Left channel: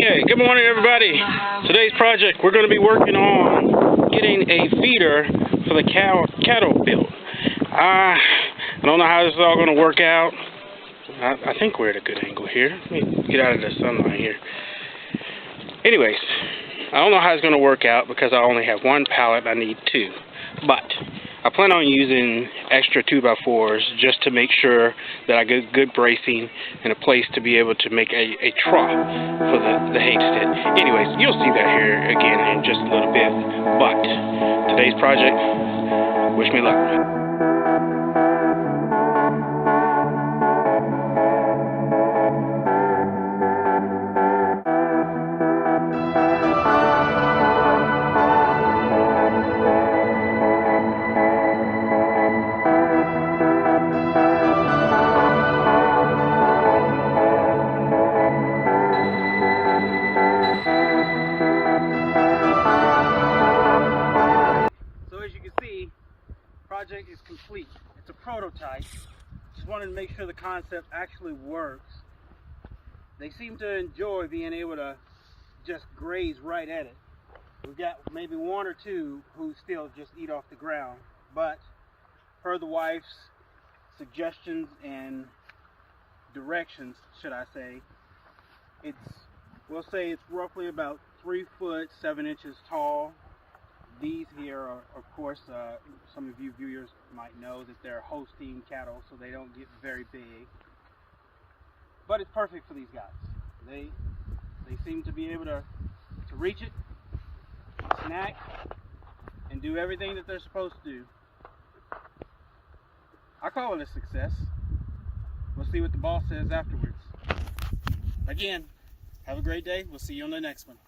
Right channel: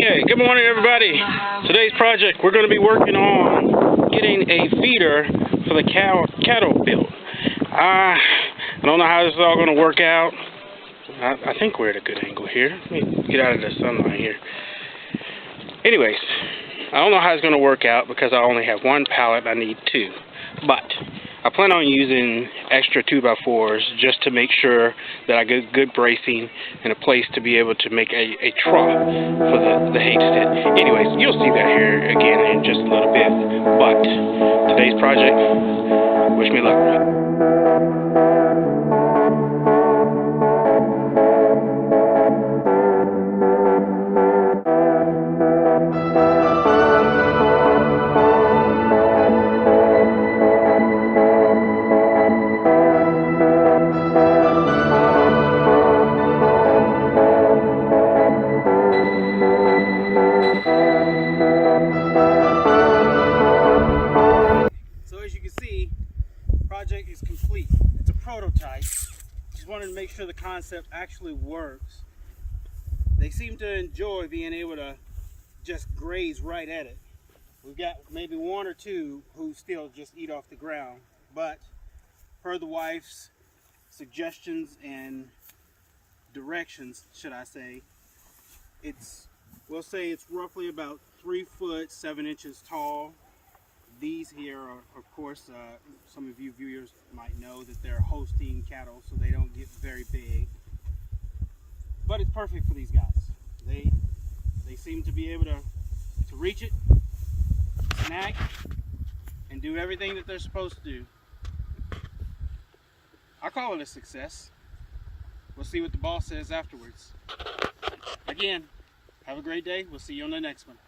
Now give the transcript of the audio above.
Okay, good morning everybody. Today's project, we're going to be working on getting a feeder for the cattle built. I don't know how this is all going to work out. I think we're at a good angle here. Let me get out of the sunlight here. Anyways, I don't know how it's going to work out because I only have one pallet. I need two. But I plan on using extra 2x4s just to make sure that I get good bracing and a place to be able to make a trough for the homestead. Anyways, you'll see that here again in just a little bit. But today's project, wish me luck. So as you can see, project is complete. It's a prototype. Just wanted to make sure the concept actually works. They seem to enjoy being able to just graze right at it. We've got maybe one or two who still just eat off the ground, but per the wife's suggestions and directions, should I say, we'll say it's roughly about 3 foot 7 inches tall. These here are, of course, some of you viewers might know that they're Holstein cattle, so they don't get very big. But it's perfect for these guys. They seem to be able to reach it, snack, and do everything that they're supposed to do. I call it a success. We'll see what the boss says afterwards. Again, have a great day. We'll see you on the next one.